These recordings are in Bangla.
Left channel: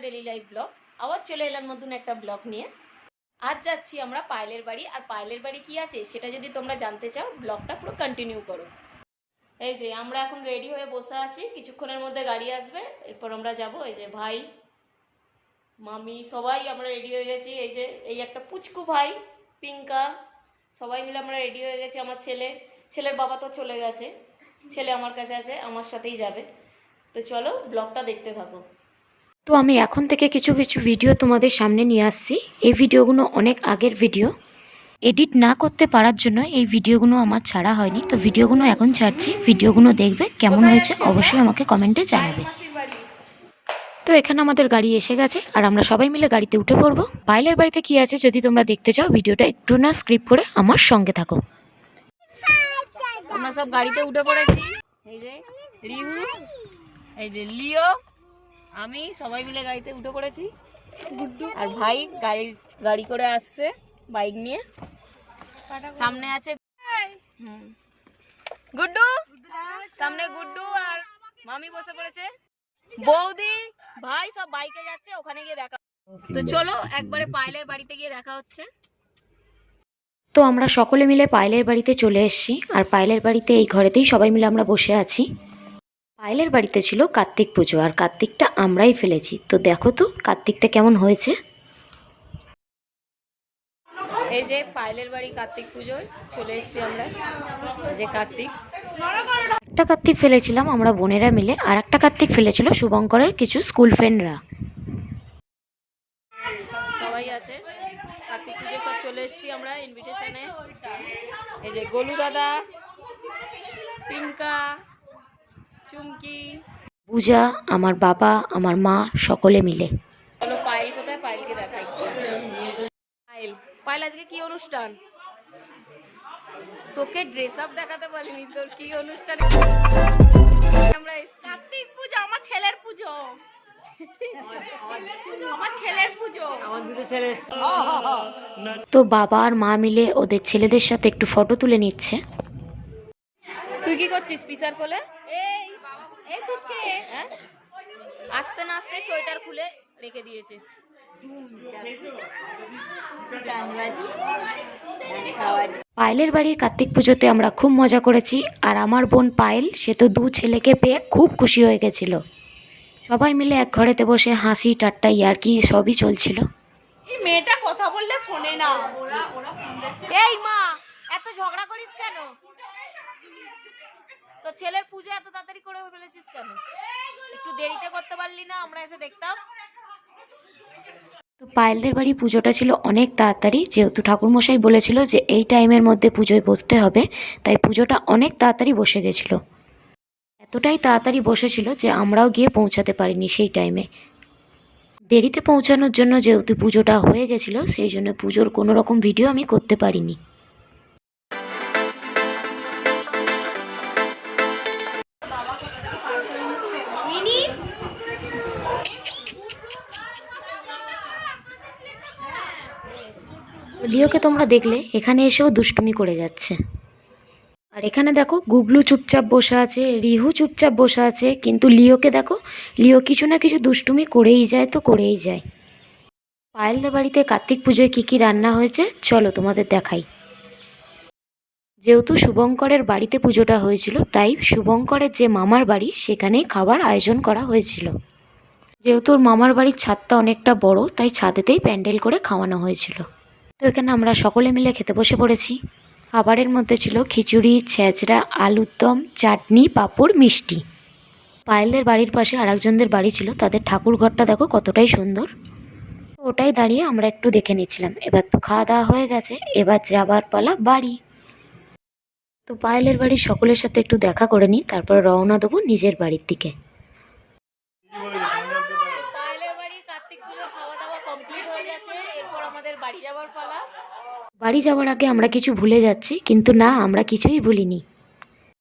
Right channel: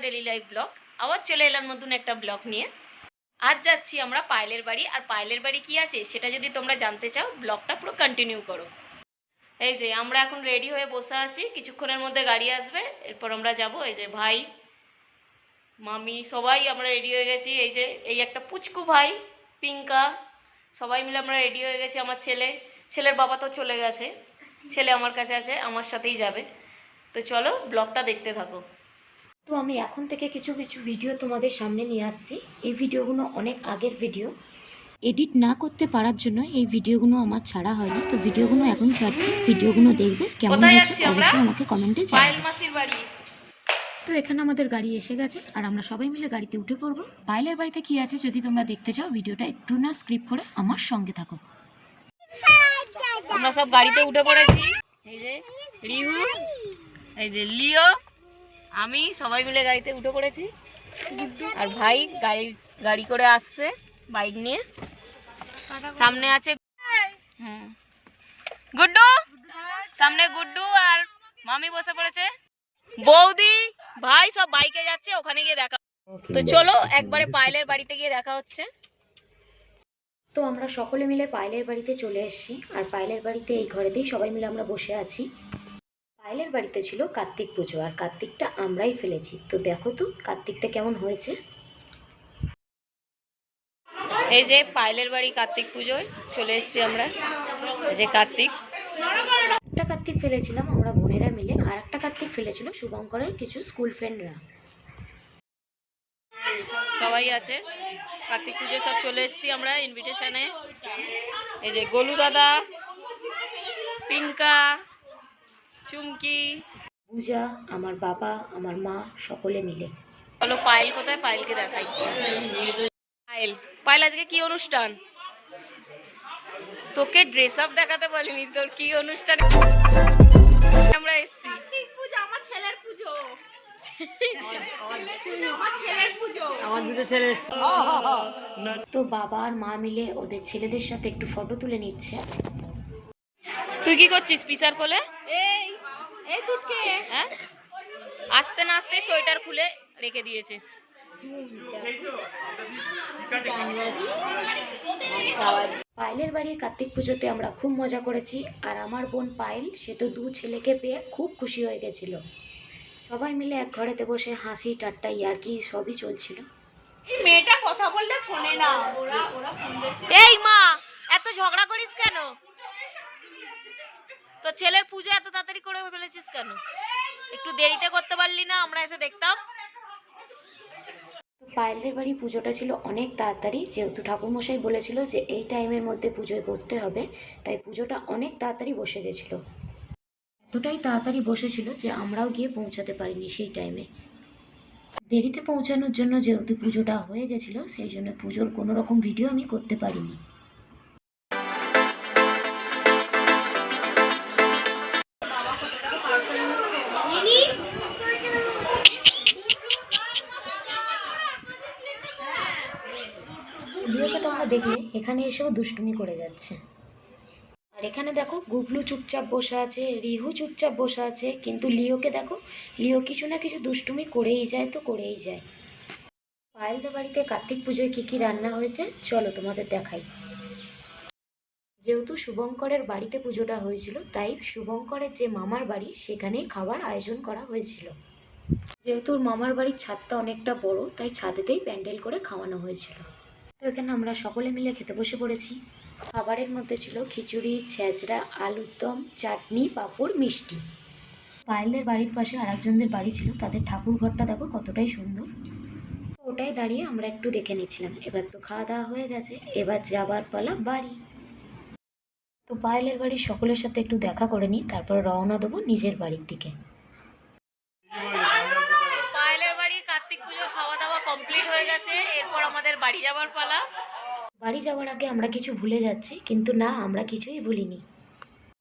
ডেলি লাইফ ব্লগ আবার চলে এলাম নতুন একটা ব্লগ নিয়ে। আজ যাচ্ছি আমরা পায়েলের বাড়ি। আর পায়েলের বাড়ি কি আছে, সেটা যদি তোমরা জানতে চাও ব্লগটা পুরো কন্টিনিউ করো। এই যে, আমরা এখন রেডি হয়ে বসে আছি। কিছুক্ষণের মধ্যে গাড়ি আসবে। এরপর আমরা যাব, এই যে, ভাই, মামি, সবাই আমরা রেডি হয়ে গেছি। এই যে, এই একটা পুচকু ভাই, পিঙ্কা, সবাই মিলে আমরা রেডি হয়ে গেছি, আমার ছেলে। ছেলের বাবা তো চলে গেছে। ছেলে আমার কাছে আছে, আমার সাথেই যাবে। তো চলো ব্লগটা দেখতে থাকো। তো আমি এখন থেকে কিছু কিছু ভিডিও তোমাদের সামনে নিয়ে আসছি। এই ভিডিওগুলো অনেক আগের ভিডিও। এডিট না করতে পারার জন্য এই ভিডিওগুলো আমার ছাড়া হয়নি। তো ভিডিওগুলো এখন ছাড়ছি। ভিডিওগুলো দেখবে কেমন হয়েছে অবশ্যই আমাকে কমেন্টে জানাবে। তো এখানে আমাদের গাড়ি এসে গেছে। আর আমরা সবাই মিলে গাড়িতে উঠে পড়ব। পাইলের বাড়িতে কি আছে যদি তোমরা দেখতে চাও ভিডিওটা একটু না স্ক্রিপ্ট করে আমার সঙ্গে থাকো। আমরা সব গাড়িতে উঠে পড়েছি। এই যে রিহু। এই যে লিও, আমি সবাই মিলে গাড়িতে উঠে পড়েছি। আর ভাই গাড়ি গাড়ি করে আসছে বাইক নিয়ে। সামনে আছে হুম। গুড্ডু, সামনে গুড্ডু আর মামি বসে পড়েছে। বৌদি, ভাই সব বাইকে যাচ্ছে, ওখানে গিয়ে দেখা তো চলো একবারে পায়েলের বাড়িতে গিয়ে দেখা হচ্ছে। তো আমরা সকলে মিলে পায়েলের বাড়িতে চলে এসেছি, আর পায়েলের বাড়িতে এই ঘরেতেই সবাই মিলে আমরা বসে আছি। পায়েলের বাড়িতে ছিল কার্তিক পুজো আর কার্তিকটা আমরাই ফেলেছি। তো দেখো তো কার্তিকটা কেমন হয়েছে। এই যে পায়েলের বাড়ি কার্তিক পুজোয় চলে এসেছি আমরা। এই যে কার্তিক। একটা কার্তিক ফেলেছিলাম আমরা বোনেরা মিলে আর একটা কার্তিক ফেলেছিল শুভঙ্করের কিছু স্কুল ফ্রেন্ডরা। সবাই আছে। কার্তিক পুজোয় সব চলে এসেছি আমরা ইনভিটেশনে এই যে গোলু দাদা পিঙ্কা চুমকি। পূজা আমার বাবা আমার মা সকলে মিলে। বলো পায়েল কোথায়? পায়েলকে দেখাই। পায়েল পায়েল আজকে কি অনুষ্ঠান? তোকে ড্রেস আপ দেখাতে বলিনি তোর কি অনুষ্ঠানে? আমরা এসেছি। পুজো আমার ছেলের পুজো। আমার ছেলের পুজো। তো বাবা আর মা মিলে ওদের ছেলেদের সাথে একটু ফটো তুলে নিচ্ছে। তুই কি করছিস পিসার কোলে এই এই ছুটকে হ্যাঁ আস্তে না আস্তে সোয়েটার খুলে রেখে দিয়েছে। পায়েলের বাড়ির কার্তিক পুজোতে আমরা খুব মজা করেছি আর আমার বোন পায়েল সে তো দু ছেলেকে পেয়ে খুব খুশি হয়ে গেছিল। সবাই মিলে এক ঘরেতে বসে হাসি ঠাট্টা ইয়ার্কি সবই চলছিল। মেয়েটা কথা বললে শোনে না। ওরা ওরা ফোন দিচ্ছে এই মা এত ঝগড়া করিস কেন? তো ছেলের পুজো এত তাড়াতাড়ি করে ফেলেছিস কেন? একটু দেরিতে করতে পারলি না, আমরা এসে দেখতাম। তো পায়েলদের বাড়ি পুজোটা ছিল অনেক তাড়াতাড়ি, যেহেতু ঠাকুরমশাই বলেছিল যে এই টাইমের মধ্যে পুজোয় বসতে হবে, তাই পুজোটা অনেক তাড়াতাড়ি বসে গেছিল। এতটাই তাড়াতাড়ি বসেছিল যে আমরাও গিয়ে পৌঁছাতে পারিনি সেই টাইমে। দেরিতে পৌঁছানোর জন্য যেহেতু পুজোটা হয়ে গেছিল, সেই জন্য পুজোর কোনো রকম ভিডিও আমি করতে পারিনি। লিওকে তোমরা দেখলে এখানে এসেও দুষ্টুমি করে যাচ্ছে। আর এখানে দেখো গুবলু চুপচাপ বসে আছে, রিহু চুপচাপ বসে আছে, কিন্তু লিওকে দেখো, লিও কিছু না কিছু দুষ্টুমি করেই যায় তো করেই যায়। পায়েলদের বাড়িতে কার্তিক পুজোয় কী কী রান্না হয়েছে, চলো তোমাদের দেখাই। যেহেতু শুভঙ্করের বাড়িতে পুজোটা হয়েছিল, তাই শুভঙ্করের যে মামার বাড়ি, সেখানেই খাবার আয়োজন করা হয়েছিল। যেহেতু মামার বাড়ির ছাদটা অনেকটা বড়, তাই ছাদেতেই প্যান্ডেল করে খাওয়ানো হয়েছিল। তো এখানে আমরা সকলে মিলে খেতে বসে পড়েছি। খাবারের মধ্যে ছিল খিচুড়ি, ছেঁচড়া, আলুর দম, চাটনি, পাঁপড়, মিষ্টি। পায়েলদের বাড়ির পাশে আরেকজনদের বাড়ি ছিল। তাদের ঠাকুর ঘরটা দেখো কতটাই সুন্দর। ওটাই দাঁড়িয়ে আমরা একটু দেখে নিচ্ছিলাম। এবার তো খাওয়া দাওয়া হয়ে গেছে। এবার যাবার পালা বাড়ি। তো পায়েলের বাড়ির সকলের সাথে একটু দেখা করে নিই। তারপর রওনা দেবো নিজের বাড়ির দিকে পায়েলের বাড়ি কার্তিক পুজো খাওয়া দাওয়া হয়ে গেছে এরপর আমাদের বাড়ি যাবার পালা। বাড়ি যাওয়ার আগে আমরা কিছু ভুলে যাচ্ছি কিন্তু না আমরা কিছুই ভুলিনি।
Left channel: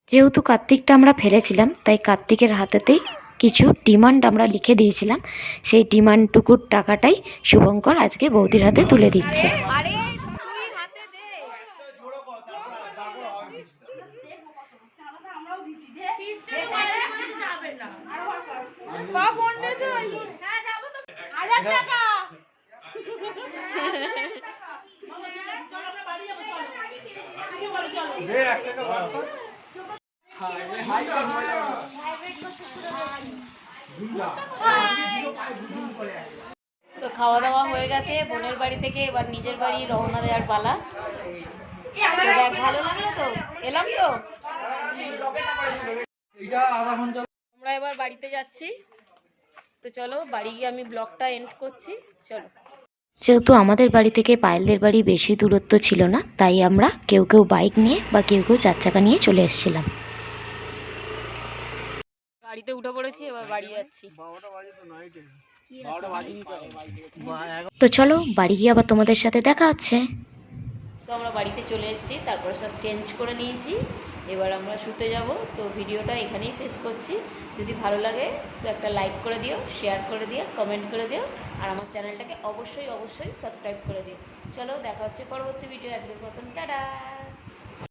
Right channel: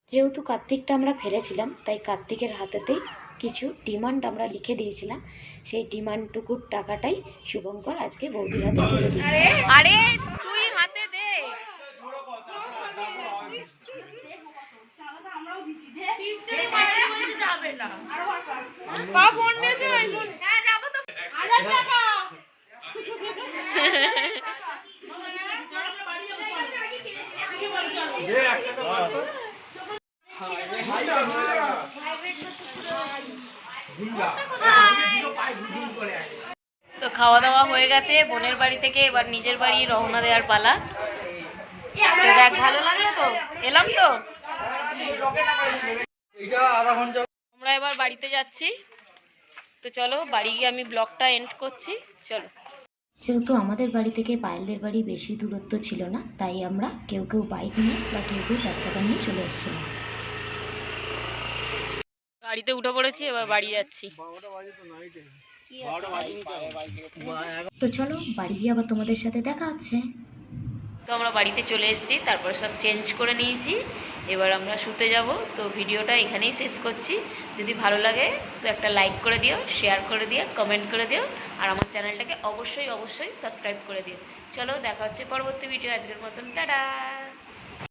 যেহেতু কার্তিকটা আমরা ফেলেছিলাম তাই কার্তিকের হাতেতেই কিছু ডিমান্ড আমরা লিখে দিয়েছিলাম। সেই ডিমান্ডটুকুর টাকাটাই শুভঙ্কর আজকে বৌদির হাতে তুলে দিচ্ছে। আরে তুই হাতে দে। যাবে ফোন। নিয়েছো হ্যাঁ যাব তো। তো খাওয়া দাওয়া হয়ে গেছে, বোনের বাড়ি থেকে এবার নিজের বাড়ি রওনা দেওয়ার পালা। তো দেখ, ভালো লাগল তো? এলাম তো? আমরা এবার বাড়িতে যাচ্ছি। তো চলো, বাড়ি গিয়ে আমি ব্লগটা এন্ড করছি। চলো। যেহেতু আমাদের বাড়ি থেকে পায়েলদের বাড়ি বেশি দূরত্ব ছিল না তাই আমরা কেউ কেউ বাইক নিয়ে বা কেউ কেউ চার চাকা নিয়ে চলে এসেছিলাম। গাড়িতে উঠে পড়েছি এবার বাড়ি যাচ্ছি। তো চলো বাড়ি গিয়ে আবার তোমাদের সাথে দেখা হচ্ছে। তো আমরা বাড়িতে চলে এসেছি তারপর সব চেঞ্জ করে নিয়েছি। এবার আমরা শুতে যাব। তো ভিডিওটা এখানেই শেষ করছি। যদি ভালো লাগে, তো একটা লাইক করে দিও শেয়ার করে দিও কমেন্ট করে দিও, আর আমার চ্যানেলটাকে অবশ্যই অবশ্যই সাবস্ক্রাইব করে দিও। চলো, দেখা হচ্ছে পরবর্তী ভিডিও আজকের মতন, টাটা!